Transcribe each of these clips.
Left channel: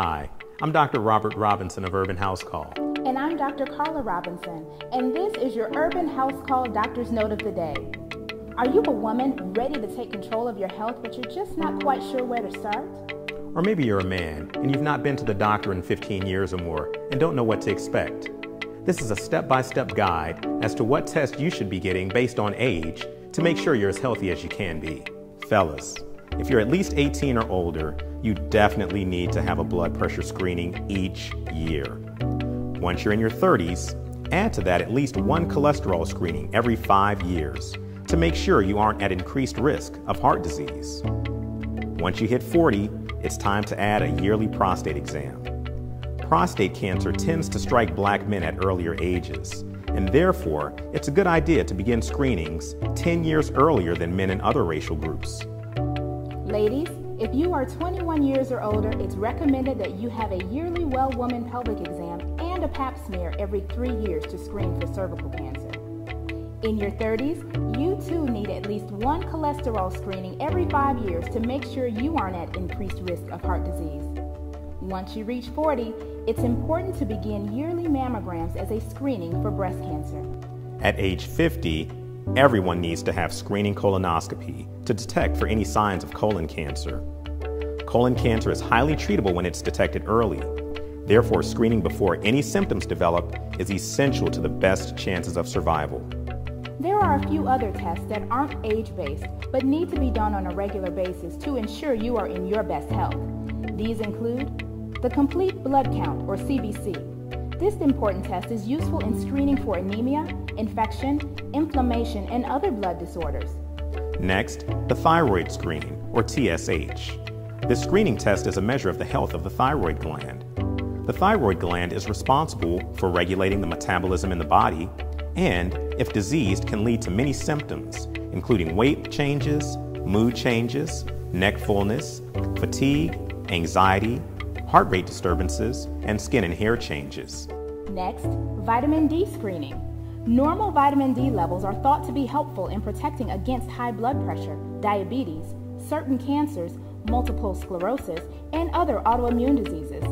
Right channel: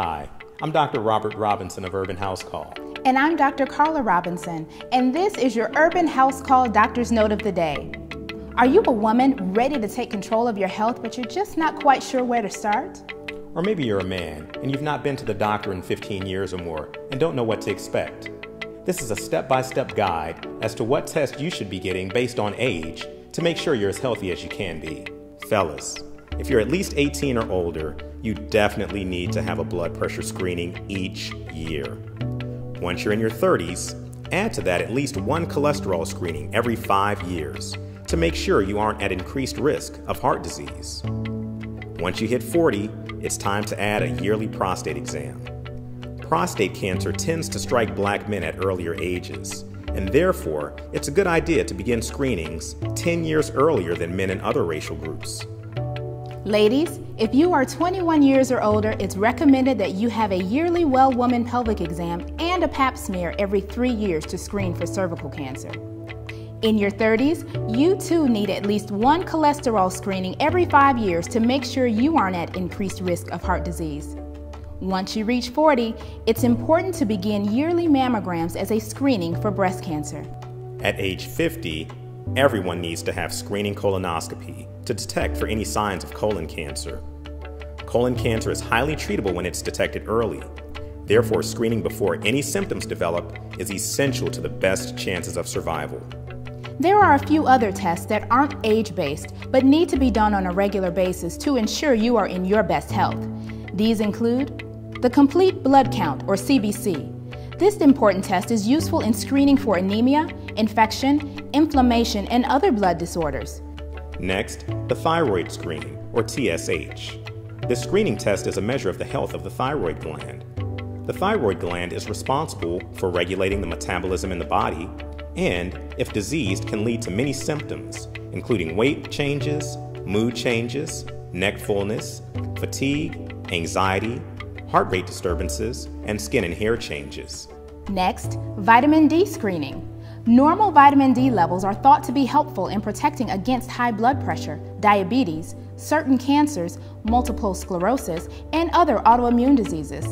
Hi, I'm Dr. Robert Robinson of Urban House Call. And I'm Dr. Carla Robinson, and this is your Urban House Call Doctor's Note of the Day. Are you a woman ready to take control of your health, but you're just not quite sure where to start? Or maybe you're a man and you've not been to the doctor in 15 years or more and don't know what to expect. This is a step-by-step guide as to what test you should be getting based on age to make sure you're as healthy as you can be. Fellas, if you're at least 18 or older, you definitely need to have a blood pressure screening each year. Once you're in your 30s, add to that at least one cholesterol screening every 5 years to make sure you aren't at increased risk of heart disease. Once you hit 40, it's time to add a yearly prostate exam. Prostate cancer tends to strike Black men at earlier ages, and therefore, it's a good idea to begin screenings 10 years earlier than men in other racial groups. Ladies, if you are 21 years or older, it's recommended that you have a yearly well-woman pelvic exam and a pap smear every 3 years to screen for cervical cancer. In your 30s, you too need at least one cholesterol screening every 5 years to make sure you aren't at increased risk of heart disease. Once you reach 40, it's important to begin yearly mammograms as a screening for breast cancer. At age 50, everyone needs to have screening colonoscopy to detect for any signs of colon cancer. Colon cancer is highly treatable when it's detected early. Therefore, screening before any symptoms develop is essential to the best chances of survival. There are a few other tests that aren't age-based, but need to be done on a regular basis to ensure you are in your best health. These include the Complete Blood Count, or CBC. This important test is useful in screening for anemia, infection, inflammation, and other blood disorders. Next, the Thyroid Screen, or TSH. This screening test is a measure of the health of the thyroid gland. The thyroid gland is responsible for regulating the metabolism in the body, and, if diseased, can lead to many symptoms, including weight changes, mood changes, neck fullness, fatigue, anxiety, heart rate disturbances, and skin and hair changes. Next, vitamin D screening. Normal vitamin D levels are thought to be helpful in protecting against high blood pressure, diabetes, certain cancers, multiple sclerosis, and other autoimmune diseases.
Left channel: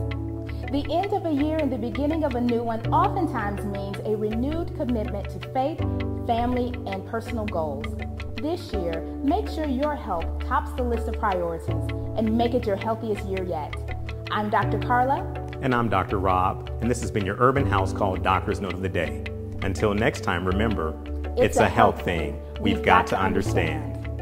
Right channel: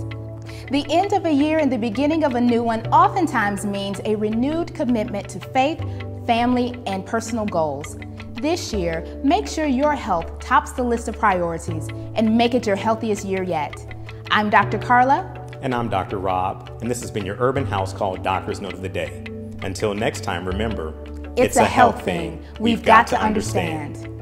The end of a year and the beginning of a new one oftentimes means a renewed commitment to faith, family, and personal goals. This year, make sure your health tops the list of priorities and make it your healthiest year yet. I'm Dr. Carla. And I'm Dr. Rob, and this has been your Urban House Call Doctor's Note of the Day. Until next time, remember, It's a health thing. We've got to understand.